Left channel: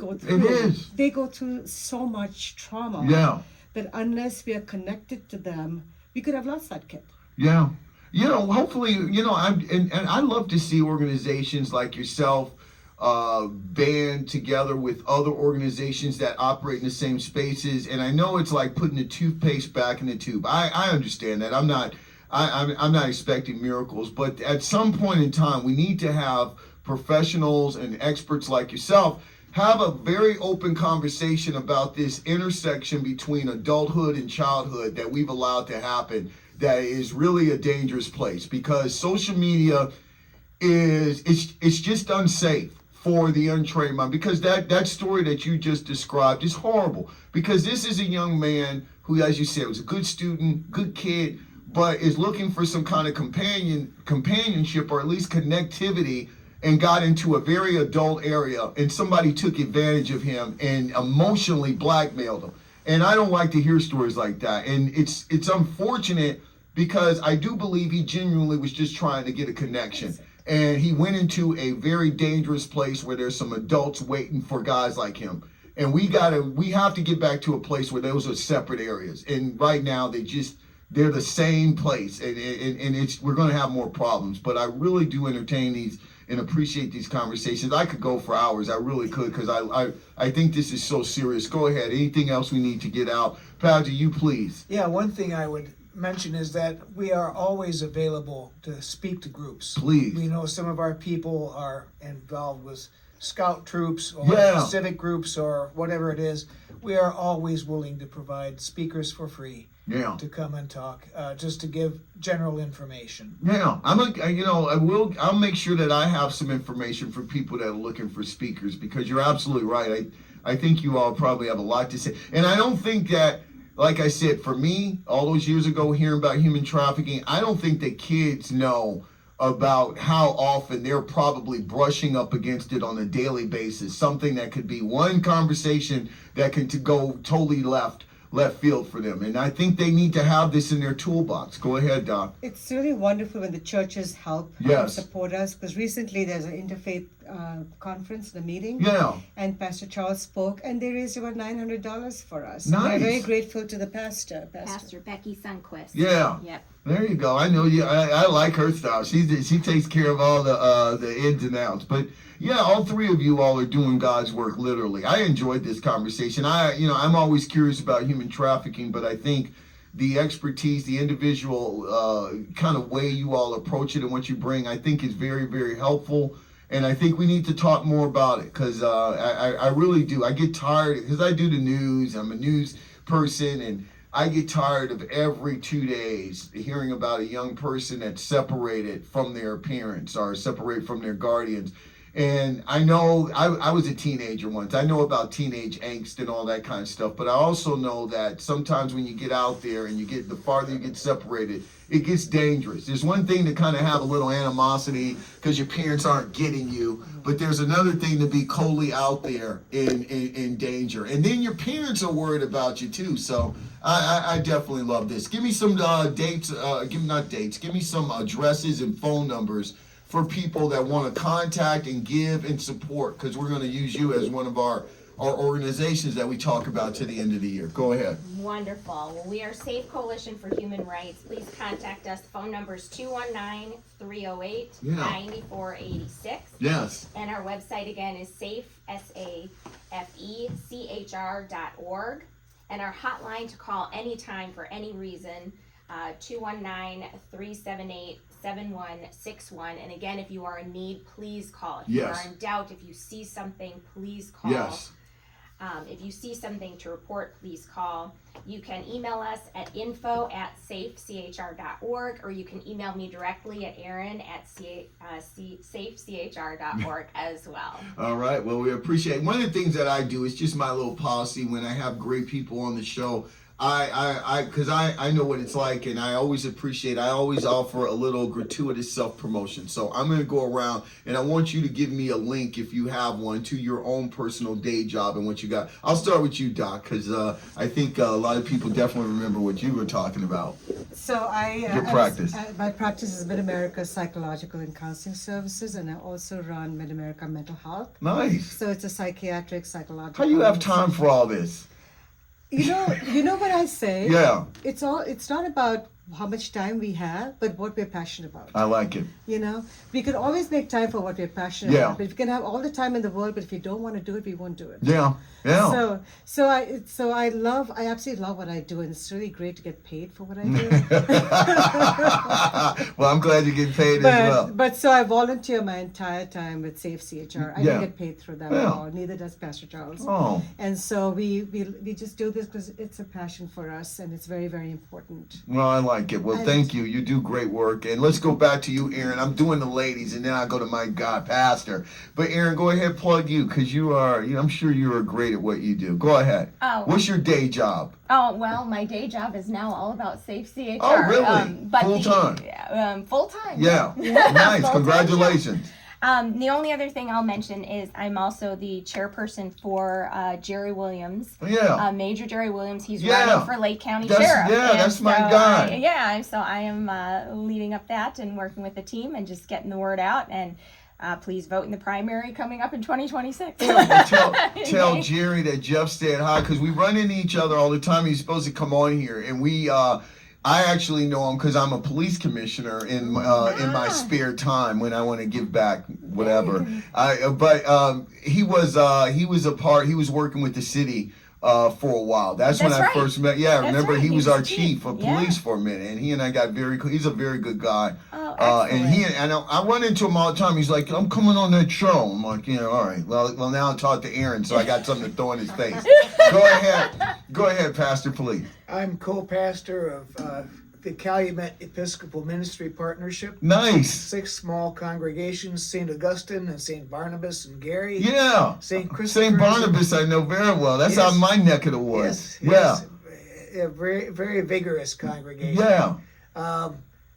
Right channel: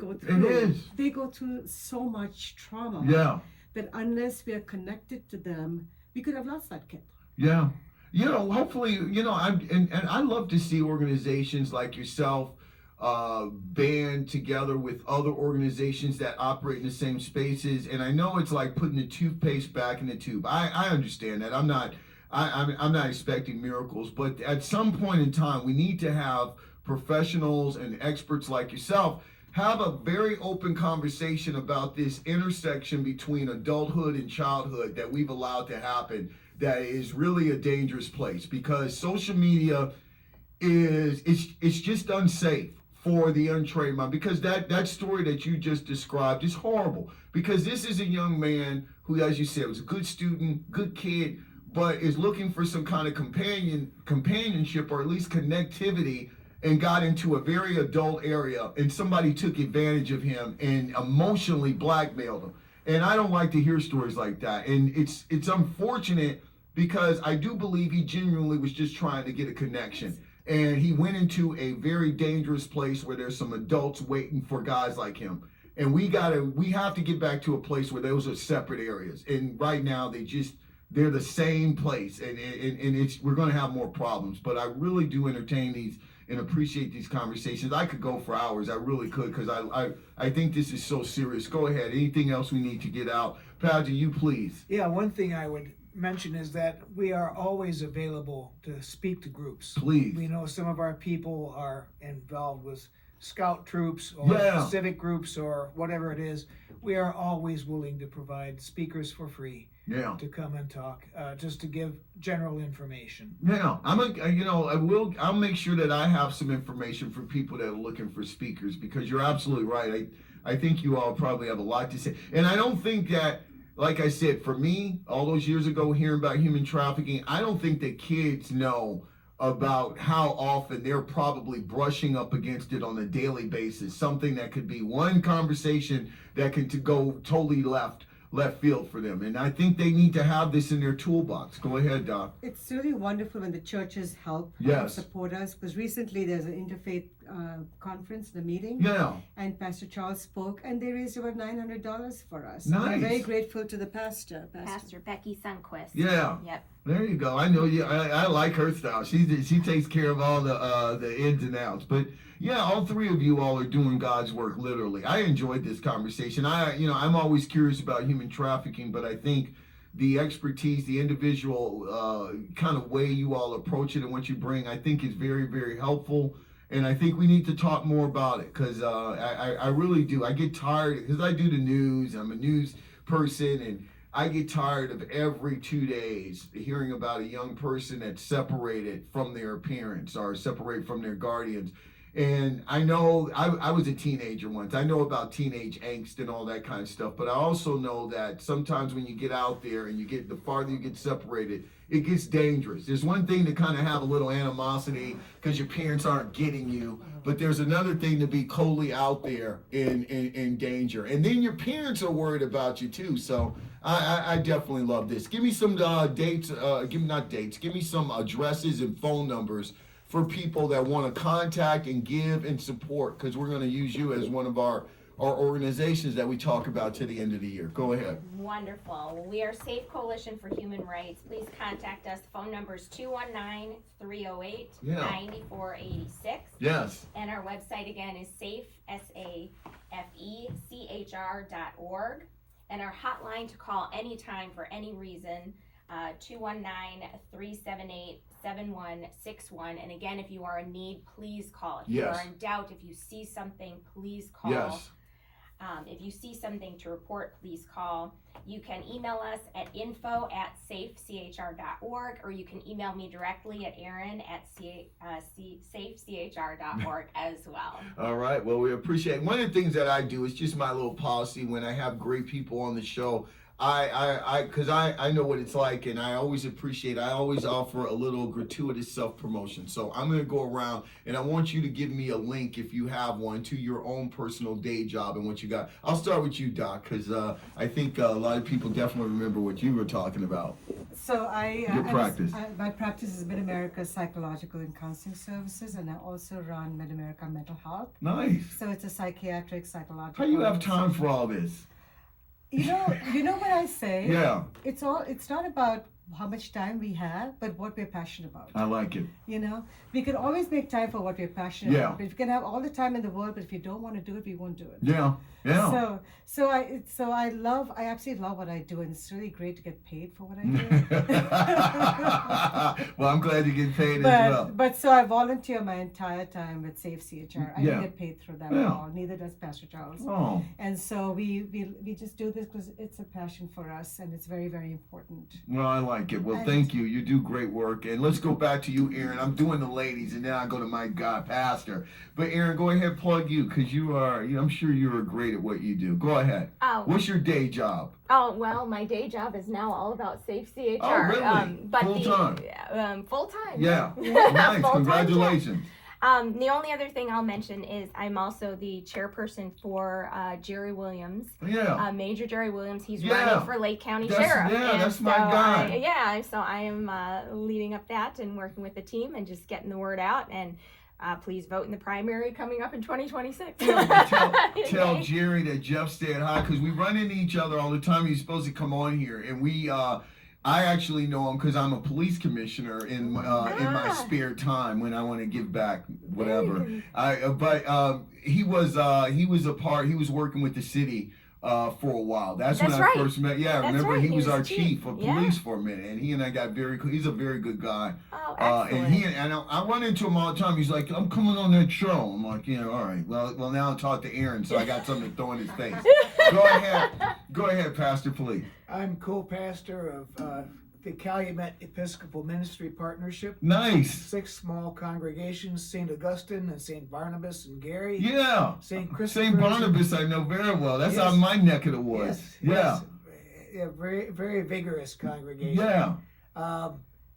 go through. It is. They go through so much trauma. Yeah. That unless we are connected to them, we could have lost that kid. Yeah. Hopefully, and I love to see organizations like yourself band together with other organizations that operate in the same spaces. And I know it's like putting the toothpaste back in the tube. I understand that. I'm not expecting miracles, but at some point in time, we need to have professionals and experts like yourself have a very open conversation about this intersection between adulthood and childhood that we've allowed to happen, that is really a dangerous place, because social media it's just unsafe for the untrained mind, because that story that you just described is horrible, because this is a young man who, as you said, was a good student, good kid, but is looking for some kind of companionship or at least connectivity, and got into a very adult area, and somebody took advantage of him and emotionally blackmailed him. And I don't like to hear stories like that. And it's unfortunate, because I do believe he genuinely was just trying to get a connection. And he went into a very dangerous place where there's some adults waiting for guys like him. And we have to get back to a place where those are separate areas. And right now they're the same place, and we're going to have more problems. But I really do entertain these and appreciate these conversations. I could go for hours. I really could, because I think this is so serious. Go ahead. Anything else we need to get out? Padgett, you please. Yeah, one thing I would mention is that we are always available to speak to groups. Please. We know some of our people are involved with scout troops or civic groups or whatever it is. We are always willing to provide speakers for free. Yeah. To come and talk, just to give general information. Yeah, I'll make sure that I have some information for people that are looking for speakers, because you're absolutely right. I think you all probably have a lot to say, and I don't think that, like I said, for me, all those years ago, hearing about human trafficking, I don't think that kids know about how often they're probably brushing up against it on a daily basis. Something that could be one conversation that can go totally left field for them. And I think they need to have this in their toolbox. Go ahead, Doc. It's really wonderful when the churches help support us, because recently there's an interfaith conference, the meeting. Yeah. And Pastor Charles spoke, and they raised about $900 for us. Nice. We're very grateful to the pastor. Pastor Becky Sunquist. Yeah. Yep. There you go. I know you. I like her style. She takes care of all the ins and outs. But yeah, all three of you all are doing God's work, literally. I enjoyed this conversation. I'm always curious about human trafficking, but I think the expertise, the individual kind of way you all approach it and what you bring, I think is very, very helpful. And I think we need to talk more about it, because I really do. I get tired, because I do the news. I'm a news person, and I get tired of every 2 days hearing about a young person that's separated from their parents or separated from their guardians. And I know I was a teenager once. I know about teenage angst and all that kind of stuff. But I also know that sometimes when you get out there and the farther you get separated, it gets dangerous. There's one thing to kind of have a little animosity because your parents aren't getting you. But there's another thing to be coldly out there in danger. And then your parents are worried about you too. So I definitely love this. Give me some dates. Give me some addresses and phone numbers for people that want to contact and give and support, because we're going to use you as one of our organizations that we talk about to the end of the year. Go ahead. Wonderful. Well, we are Safe Coalition for Human Rights. Please contact us. Phone number is 219-308-9486. Yes. And our website again is safe, SAFECHR.org. And our hotline to call anytime for any reason, 219-378-7161. And again, if you are in need, please call. If you are in doubt, if you see something, please call. Yes. If you see something to report, please call. You can email us at info@safechr.org, or you can email me directly at aaron@safechr.org as well. All right. Well, we appreciate it. One of the things that I do is just my little policy when I have great people on the show. Because I know what it's like, and I always offer a little gratuitous self-promotion. So I'm going to go around, and I want you to give me a link, if you have one, to your own personal day job and what you got. I'll start with you, Doc, because I think a lot of people definitely remember what you were talking about. So Your practice. My practice is Mid-America Psychological and Counseling Services, and I also run Mid-America Mental Health. Nice. So it's a psychiatric, psychological. How do you have time for all this? You know what I say? Yeah. It's not about how much time we have, but what we're passionate about. I like it. You know, we can always make time for what we're passionate about. But if you can have all the time in the world, but if you don't want to do it, we won't do it. Yeah. Yeah. So I absolutely love what I do, and it's really great to get paid for what I do. Well, I'm glad you get paid as well. But so I volunteer my entire time with Safe CHR. I don't get paid through them at all. Neither does Pastor Charles. Oh. And so we just do this because it's a passion for us, and it's very, very important. Well, I like it. Well, thank you. You do great work. And let's go back to you, Aaron. I'm doing the ladies, and then I go to my God, Pastor. But Aaron, go ahead, plug you, because you are. I'm sure you are great at what you do. Go ahead. Oh. What's your day job? Oh, well, my day job is now all about Safe CHR. Oh, really? But Full time? Full time. Yeah. Nice. Congratulations. The only other thing I'll mention is I'm also the chairperson for Jerry Williams. Yeah. Major Jerry Williams. He's running for Lake County Sheriff. Yeah, that's my guy. So I am leading up that and working with the team and just getting the word out. And please vote in the primary coming up in 2026. Tell Jerry that Jeff said hi, because we run into each other all the time. He's supposed to come on here, and I actually know him because I'm a police commissioner in my spare time when I want to give back, whatever. He was working with the city for a while. That's when I first met. Yeah, remember he was our chief of police for a minute, and he and I got he's a very good guy. Oh, excellent. And I run into him all the time. He's like, I'm coming on that show. I'm like, yeah, all right. Well, now I'll talk to Aaron, so I got something to throw in his face. Go ahead, Pastor, please. I'm co-pastor of the Calumet Episcopal Ministry Partnership. Nice. 6 small congregations: St. Augustine and St. Barnabas and Gary. Yeah. St. Christopher. St. Barnabas I know very well. That's out my neck of the woods. Yes. A very, very vigorous congregation. Yeah.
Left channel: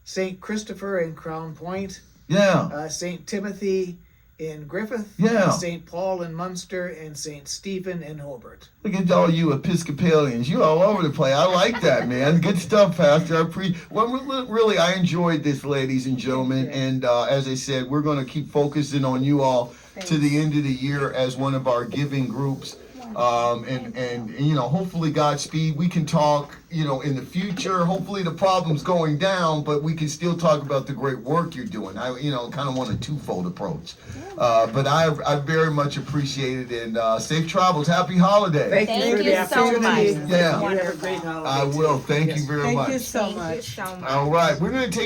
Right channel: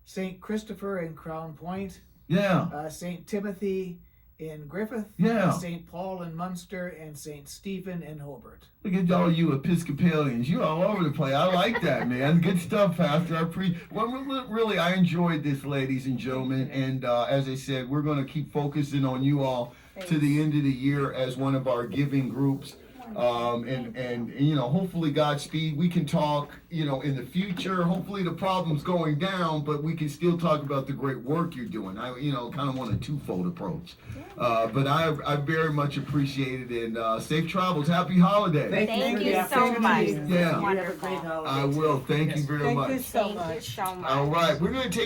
St. Christopher in Crown Point. Yeah. St. Timothy in Griffith. Yeah. St. Paul in Munster, and St. Stephen in Hobart. Look at all you Episcopalians. You all over the place. I like that, man. Good stuff, Pastor. Really, I enjoyed this, ladies and gentlemen. And as I said, we're going to keep focusing on you all to the end of the year as one of our giving groups. And hopefully Godspeed. We can talk, in the future. Hopefully the problem's going down, but we can still talk about the great work you're doing. I, kind of want a twofold approach. But I very much appreciate it, and safe travels. Happy holidays. Thank you so much. Yeah. You have a great holiday. I will. Thank you very much. Thank you so much. Thank you so much. All right. We're going to take